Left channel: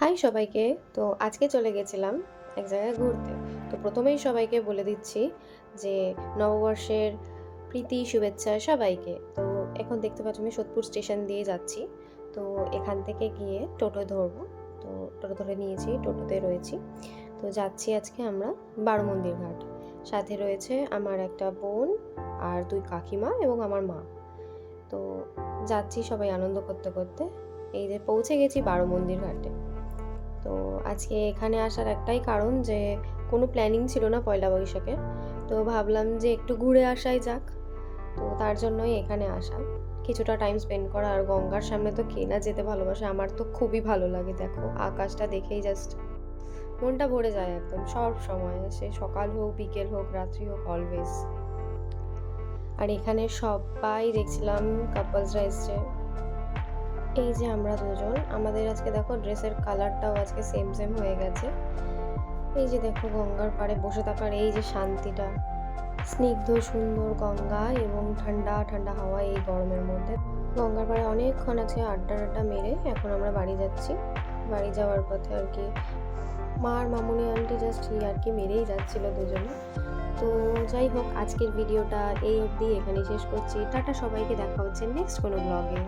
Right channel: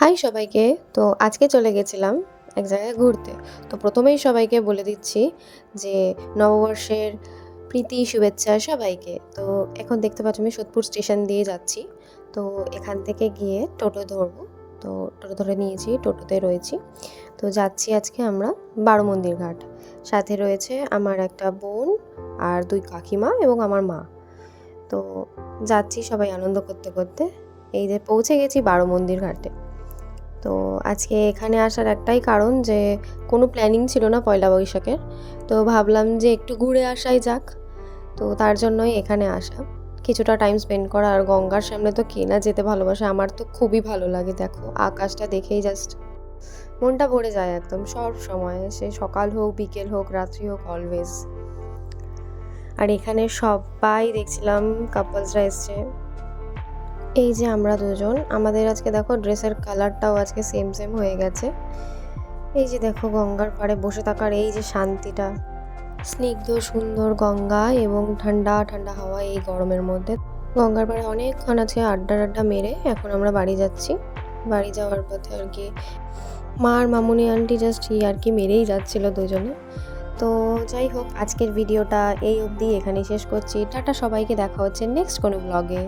High সবাইকে। তো আজকে চলে গেছিলাম এক জায়গায় ঘুরতে। তো প্রথমেই সবাইকে বলে দিচ্ছি যে নববর্ষের প্রীতি শুভেচ্ছা সবাইকে। তো এখন দেখতে পাচ্ছ আমি সোদপুর স্টেশন দিয়ে যাচ্ছি। তো এখান থেকে গিয়ে টোটো ধরবো। তো টোটো ধরে নিয়েছি, টোটোতে রয়েছি। তো যাচ্ছি আজকে আমরা বারোমন্দির ঘাট। সাথে রয়েছে আমার একটা বোন আর 2 কাকিমা এবং আমার মা। তো যাচ্ছি সবাই আনন্দ করতে করতে। এই যে পৌঁছে গেছি বারোমন্দির ঘাটে। তো আজকে এখানে আসার একটাই কারণ যে কোনো প্ল্যানিং ছিল না পয়লা বৈশাখের। তো ভাবলাম যে একটু ঘুরে আসাই যাক। তো তার জন্যই এখানে আসা। কিছুটা টাইম স্পেন্ড করা, আর গঙ্গার সামনে তো কে না যেতে ভালোবাসে। আমার তো খুবই ভালো লাগে। দেখো আকাশটা দেখেই জাস্ট মনটা ভরে যায় একদম সব সময়। সে সকাল হোক, বিকেল হোক, রাত্রি হোক, অলওয়েজ। আর এখানে সবাই দেখছিলাম কাপলসরা এসছে। এই যে আমরা দুজন, আমাদের আজকে দেখো ড্রেসের কালারটাও আজকে সেম সেম হয়ে গেছে। এই যে দেখো গঙ্গার পাড়ে বসে থাকার এই যে শান্তিটা, স্নিগ্ধ সুন্দর গঙ্গা এবং ঠান্ডা ঠান্ডা হাওয়া এই গরমের মধ্যে। গঙ্গার পাড়ে অনেকক্ষণ আছে আড্ডা আড্ডা মেরে এখন আমরা বাড়ি যাচ্ছি। বাড়ি যাওয়ার পথে আর কি মা আর মামুনি আন্টি জাস্ট আর কি মেরেই যাচ্ছিল দুজনে। তো যাই হোক, আজকের ভিডিওটা এই অবধি এখানেই শেষ করছি। টাটা সবাইকে, দেখা হচ্ছে নেক্সট কোনো ব্লগে।